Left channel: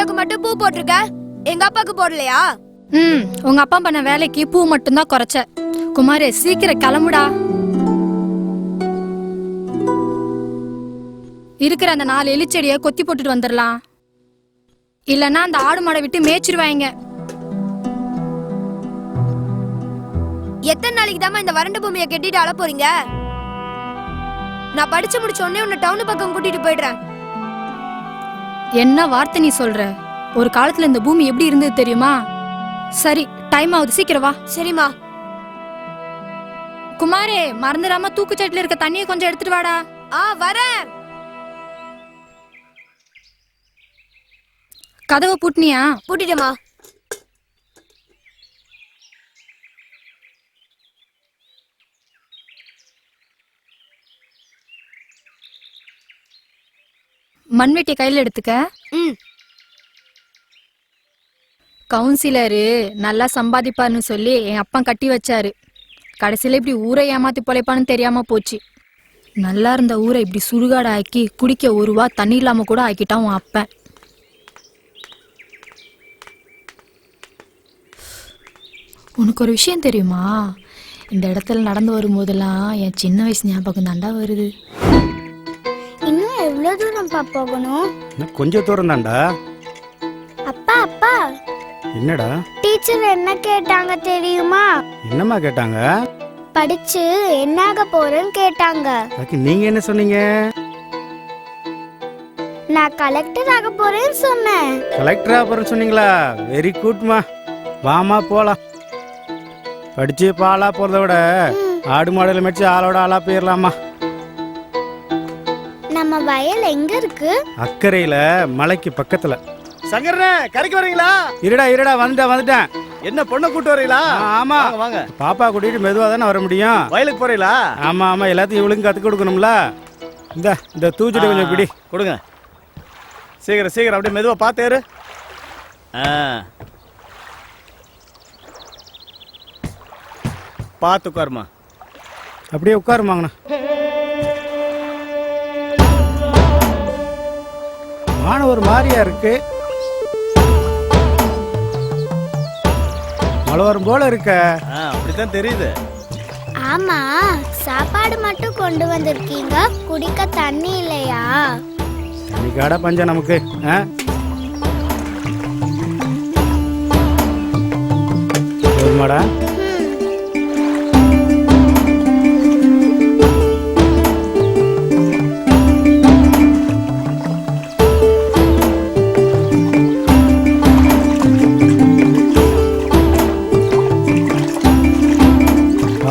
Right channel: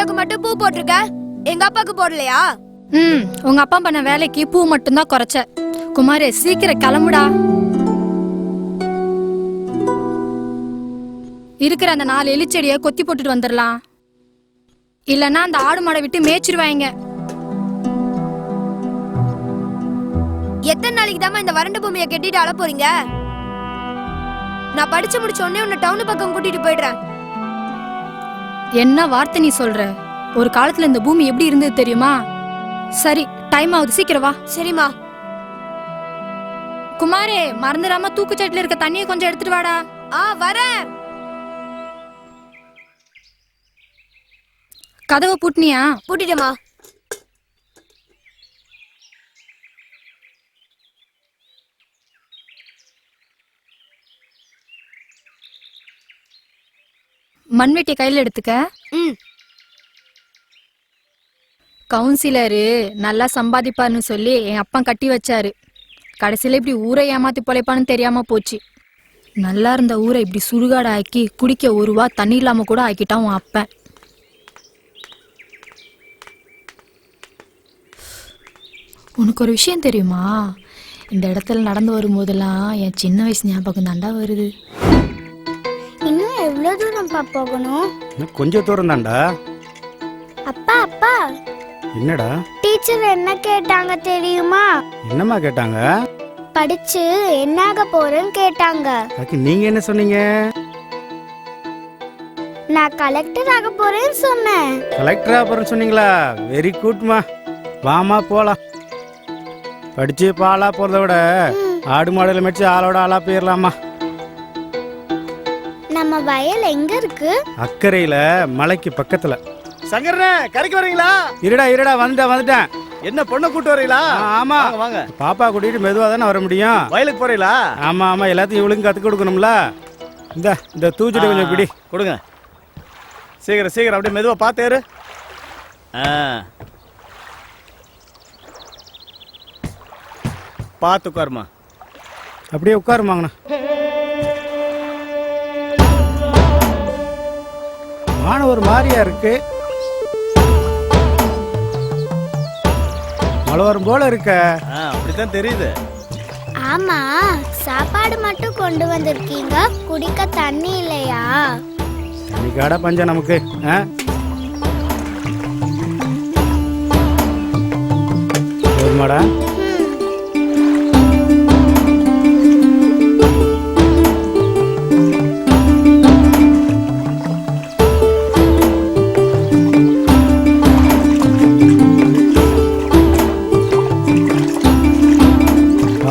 போட்டோக்கு மட்டும் பூ போட்டிருக்க, எங்க அப்பாக்கு போடலையா? உங்க அப்பா பண்ண வேலைக்கு பூ மட்டும்தான் குறைச்ச. குமாரே சீக்கிரம் கிளம்புடா. இருக்கிற அந்த 4 எலிச்செடிய கொத்தி போட்டுட்டு வந்துடலாம். இல்லன்னா அந்த ஆடு மாடை விட்டு மேய்ச்சிருவாங்க. எத்தனை நாளைக்கு தாமா இந்த வறண்ட பூமியை கெட்டிட்டு அழ போறீங்க? நான் படிச்சு முடிச்ச உடனே உன்னை டவுன் பக்கம் கூட்டிட்டு போயிடுறேன். என்ன வார்த்தை நீ சொல்ற? ஒரு காலத்துல இந்த பூமி எப்படி இருந்தது தெரியுமா? சரி, டைம் ஆகுது, சீக்கிரம் வா. சரிம்மா. குமாரே மறந்துடாம தூக்குச்சட்டில இருக்க தண்ணியை கொஞ்சம் எடுத்துட்டு வாடா. வரேன். கதவை பூட்டினியா? பூட்டிட்டேமா. மண்வெட்டி கையில எடுத்துக்க. கவுன்சிலரு நல்லா சம்பாதிப்பார்னு சொல்லி என் அப்பா கட்டி வச்சாரு. கடைசியில இப்படி ஊரை ஏமாத்தி பொழைப்பான்னு தெரியாம போச்சு. நல்லா இருந்த ஊரை இப்படி சுடுகாடு ஆக்கி குடிக்க 1 ரூபா தண்ணி இல்லாம கூட ஆக்கிட்டான் உன் அப்பன். உனக்கு ஒரு விஷயம் தெரியுமா? இந்த இடத்துல நடந்து வரும்போதெல்லாம் என் சின்ன வயசு ஞாபகம் தாண்டா வருது. இன்னும் எவ்வளவு தூரம் போகணும்? கொஞ்சம் தூரம் தான்டா. அப்பா அப்பா, என்னடா? டீச்சர் என்ன கேட்டாங்க தெரியுமா? என்னம்மா கேட்டாங்க? படிச்சு என்னாக போறேன்னு கேட்டாங்க. அதுக்கு நீங்க என்ன சொன்னீங்க? நான் கலெக்டர் ஆக போறேன்னு சொன்னேன். கலெக்டர் ஆக போறேன்னு சொன்னீங்களா? வெரி குட்மா. வாமா போலாம். படிச்சு பாலா போறத விட ஆடு மாடுல மேய்ச்சி ஆளோட ஆளா போயிடலாமா. நம்ம வயல் எங்க இருக்கு? அக்கறையில மலைக்கு பக்கத்துல. சங்கரனே, கரைக்கு வரீங்களா? இருடா வந்துட்டேன். என்ன பொண்ணை கூட்டு வரீங்களா? ஆமா வாங்க. பாப்பா கூட்டிட்டு மெதுவா தானே வர முடியும். வயலுக்கு போறீங்களா? ஆமா எல்லாத்தையும் இவளுக்கு கத்து கொடுக்கணும்ல. இந்த தூச்சிட்டு கொஞ்சம் பிடி கொடுங்க. சீக்கிரம் அப்படியே மெதுவா பாத்தேரு. பார்த்து உட்காருமா. அப்படியே உட்காருமாங்கண்ணா. மாணவர் மாதிரியா இருக்கு. மழை வரும் போல இருக்க. அப்படித்தான் தெரியுது. ஆமா, சாப்பாடு மட்டும் கொண்டு வந்திருக்கீங்க, குடிக்க தண்ணி இல்லையா? தண்ணி காடா பஞ்சம் நமக்கு. போதுமாடா?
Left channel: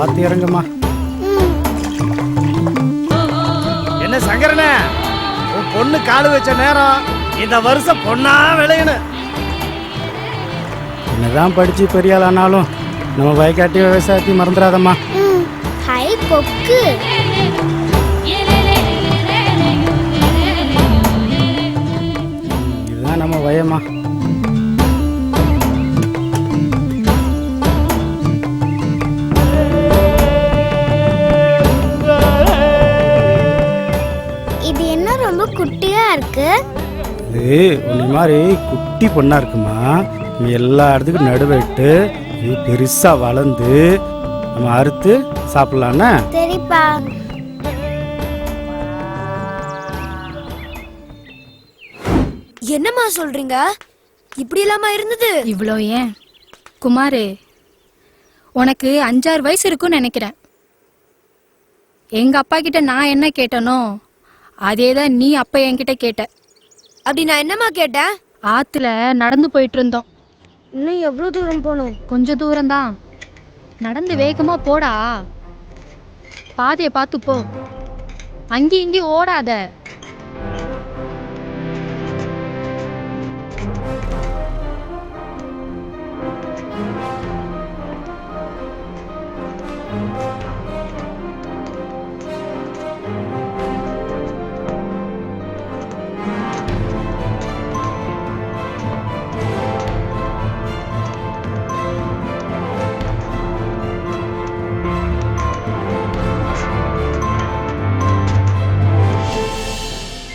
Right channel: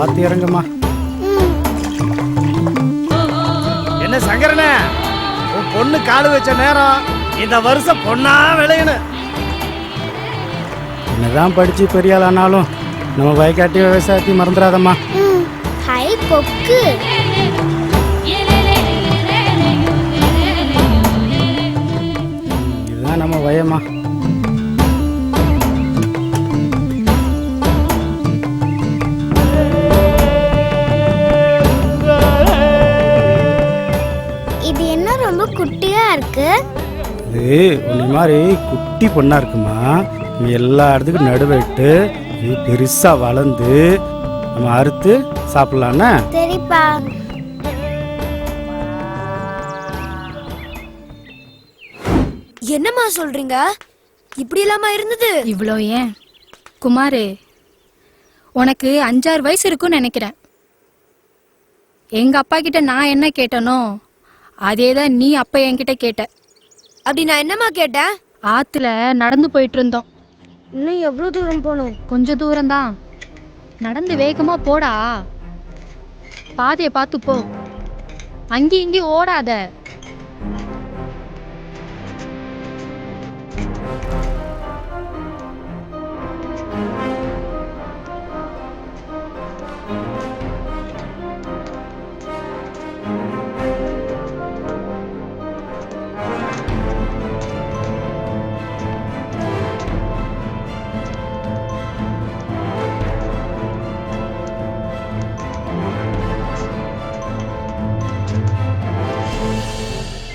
பார்த்து இறங்குமா. என்ன சங்கரனே, உன் பொண்ணு காலு வச்ச நேரம் இந்த வருஷம் பொண்ணா விளையணும். என்னதான் படிச்சு பெரிய ஆள் ஆனாலும் நம்ம வயக்காட்டி விவசாயத்தையும் மறந்துடாதம்மா. ஹை கொக்கு. இதுதான் நம்ம வயமா. இது என்ன ரொம்ப குட்டியா இருக்கு? இது உன்னை மாதிரி குட்டி பொண்ணா இருக்குமா. நீ எல்லா இடத்துக்கும் நடுவிட்டு இது பெருசா வளர்ந்து நம்ம அறுத்து சாப்பிடலான்னு. சரிப்பா. என்னம்மா சொல்றீங்க? இப்படி இல்லாம இருந்தது? இவ்வளோ ஏன் குமாரே, உனக்கு 5-6 வயசு இருக்குன்னு நினைக்கிறேன். எங்க அப்பா கிட்ட நான் என்ன கேட்டனோ அதேதான் நீ அப்ப என்கிட்ட கேட்ட. அப்படி நான் என்னம்மா கேட்டேன்? ஆத்துல நடந்து போயிட்டு இருந்தோம். இன்னும் எவ்வளவு தூரம் போகணும்? கொஞ்ச தூரம்தான். நடந்து வேகமா போடா. பாதையை பார்த்து போ. அங்கேயும் இங்கேயும் ஓடாத.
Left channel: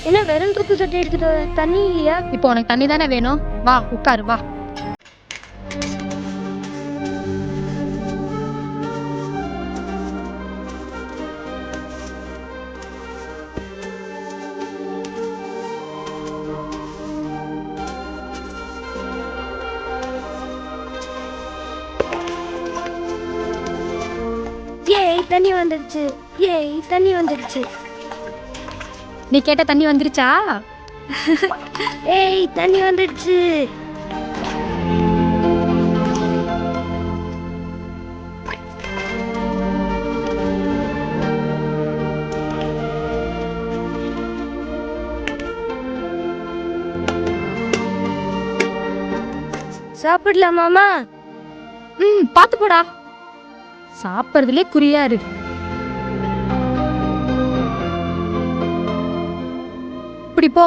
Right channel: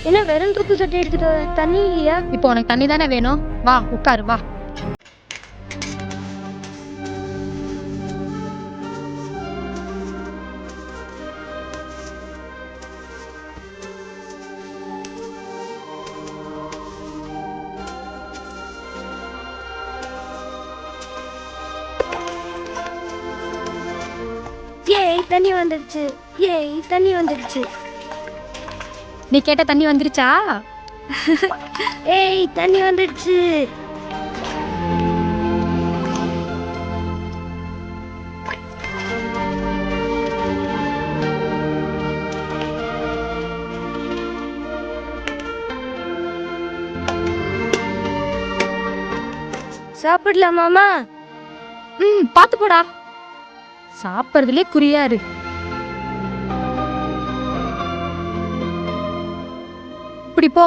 என்ன வெறும் தூக்கு சட்டை எடுத்துட்டு வர? தண்ணி இல்லையா? இப்போ உனக்கு தண்ணி தானே வேணும், வா உட்காரு வா. ஏய் தண்ணி வந்துடுச்சு. ஏய் தண்ணி வந்துடுச்சு. நீ கேட்ட தண்ணி வந்துருச்சா? ஏய் தண்ணி வந்துடுச்சு. சாப்பிடலாமாமா? பாத்து போடா, சாப்பிட்றதுலே குறியாரு. இப்படி போ.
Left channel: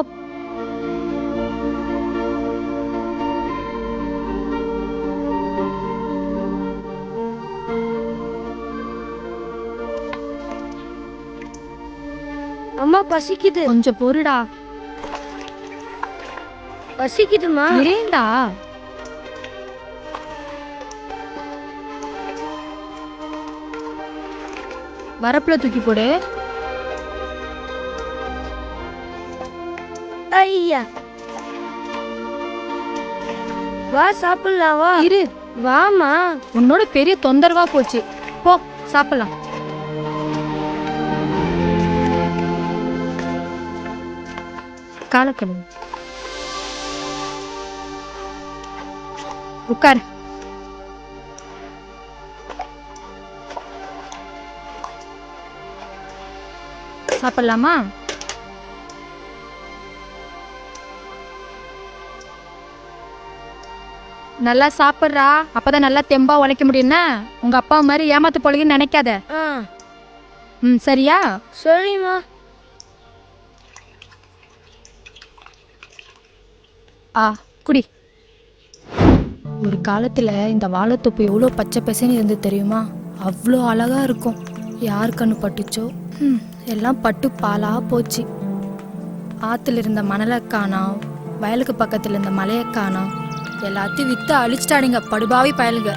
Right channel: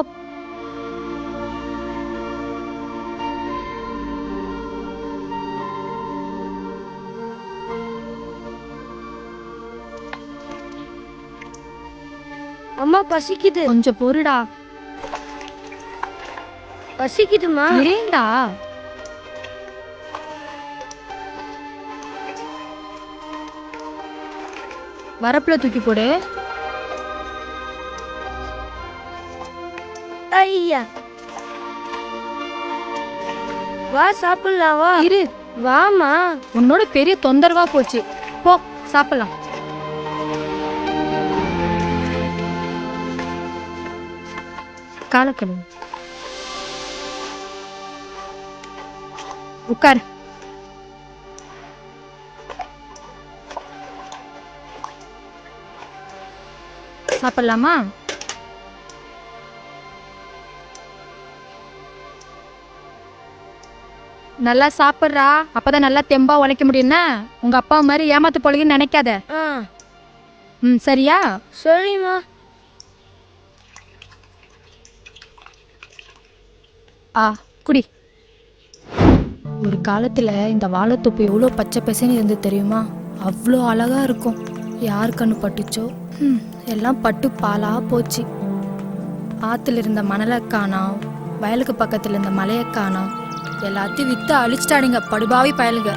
அம்மா பசிக்குது. கொஞ்சம் பொறுடா. பசிக்குதுமா. ஏண்டா? வரப்புல தூக்கி போடு. ஐயா வா சாப்பிடலாம் வா. இரு, வாமா. உன்னோட பெரிய தொந்தரவா போச்சு. போ சாப்பிடலாம். காலக்கழுவு. உட்கார். சாப்பிடலாமா? நல்லா சாப்பிட்றா, அப்பதான் நல்லா தெம்பா உழைக்க முடியும்னா. உங்க அப்பா மாதிரி ஏமாத்து போலன்னு நினைக்காத. சரியா? சரிம்மா. குடி. ஒரு காலத்துல இந்த வாழைத்தொப்பு எவ்வளோ பச்சை பசேன்னு இருந்து தெரியுமா? அவ்வளோ அழகா இருக்கும். யார் கண்ணு பட்டுச்சோ எல்லாம் பட்டு பாலா போச்சு. ஆத்துல இருந்த மணலை காணோம், வயலுக்கு பக்கத்துல இருந்த மலையை காணோம். எல்லாத்தையும் வித்து அழிச்சிட்டாடுங்க படுபாவி பயலுங்க.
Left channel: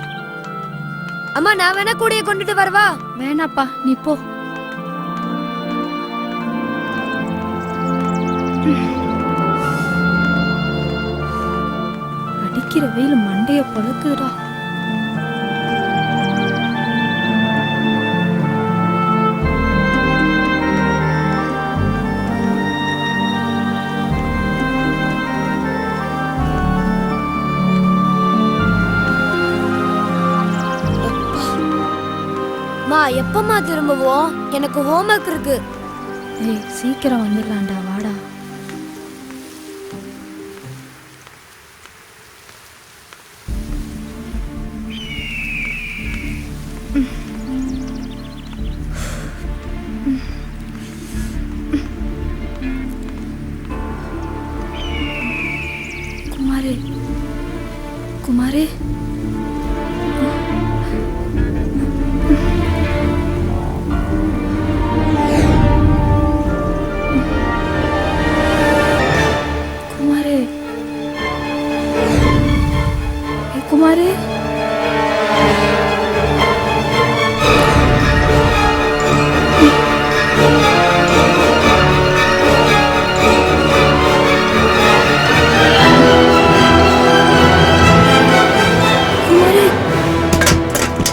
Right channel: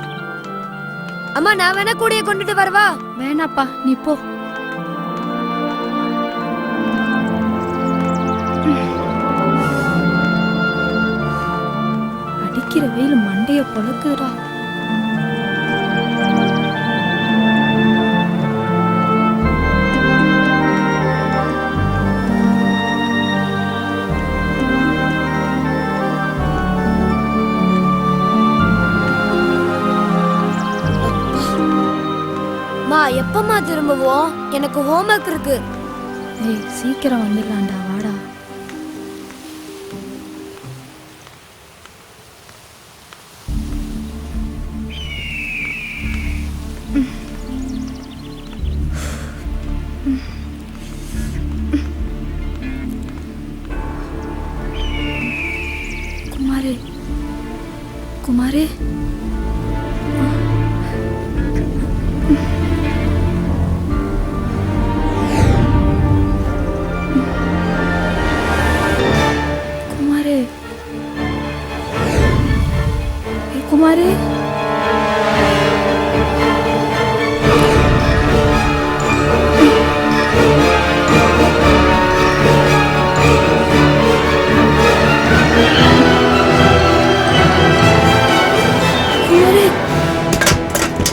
அம்மா நான் வேணா கூடைய கொண்டுட்டு வரவா? வேணாப்பா, நீ போ. அடிக்கிற வெயில் மண்டைய பொழக்குதுடா. மா எப்பமா திரும்புவோம்? எனக்கு ஹோம்வொர்க் இருக்கு. ஏய் சீக்கிரம் வந்துடலாம்டா, வாடா. குமாரே, குமாரே. குமாரே, குமாரே.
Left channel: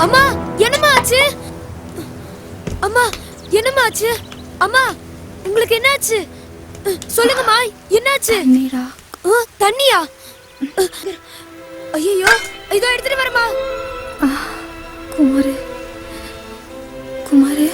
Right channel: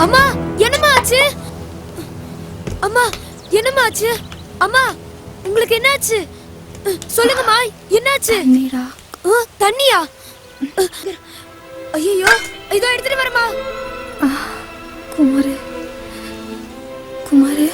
அம்மா என்னம்மா ஆச்சு? அம்மா என்னம்மா ஆச்சு? அம்மா உங்களுக்கு என்னாச்சு? சொல்லுங்கம்மா, என்னாச்சு? நீடா. தண்ணியா? ஐயோ, இதோ எடுத்துட்டு வரமா. குமாரே, குமாரே.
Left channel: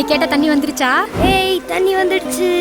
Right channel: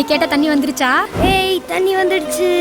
நீ கேட்ட தண்ணி வந்துருச்சா? ஏய் தண்ணி வந்துடுச்சு.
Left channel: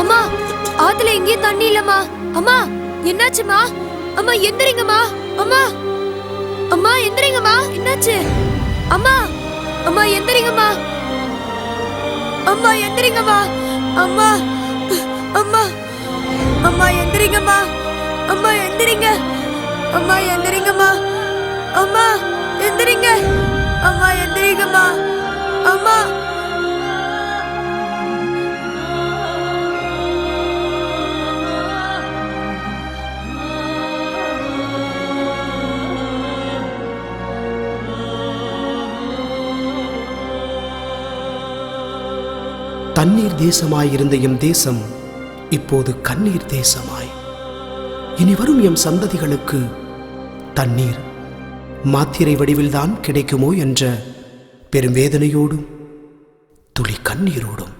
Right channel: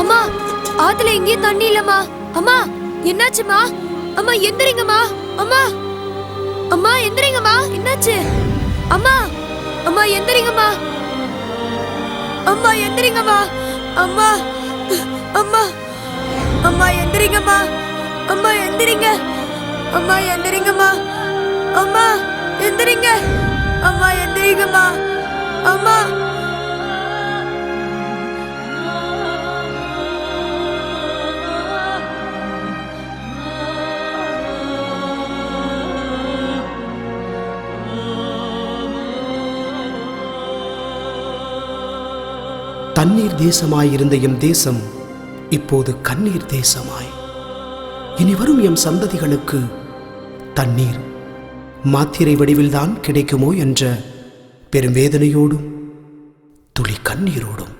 அம்மா ஆத்துல எங்கேயும் தண்ணி இல்லம்மா. அம்மா என்னாச்சுமா? அம்மா எந்திரிங்கம்மா. அம்மா அம்மா எந்திரிங்கம்மா. என்னாச்சு? அம்மா அம்மா எந்திரிங்கம்மா. அம்மா எந்திரிங்கம்மா. அம்மா அம்மா அம்மா எந்திரிங்கம்மா. அம்மா எந்திரிங்க. அம்மா எந்திரிங்கம்மா. அம்மா எந்திரிங்க. அம்மா எந்திரிங்கம்மா. அம்மா தண்ணீர் தேசமாயிருந்த எம் தேசம் இப்போது கண்ணீர் தேசமாய், இனி வரும் எம் சந்ததிகளுக்கு தண்ணீர் மாத்திரை வடிவில்தான் கிடைக்குமோ என்ற பெரும் வேதனையோடும் துளி கண்ணீரோடும்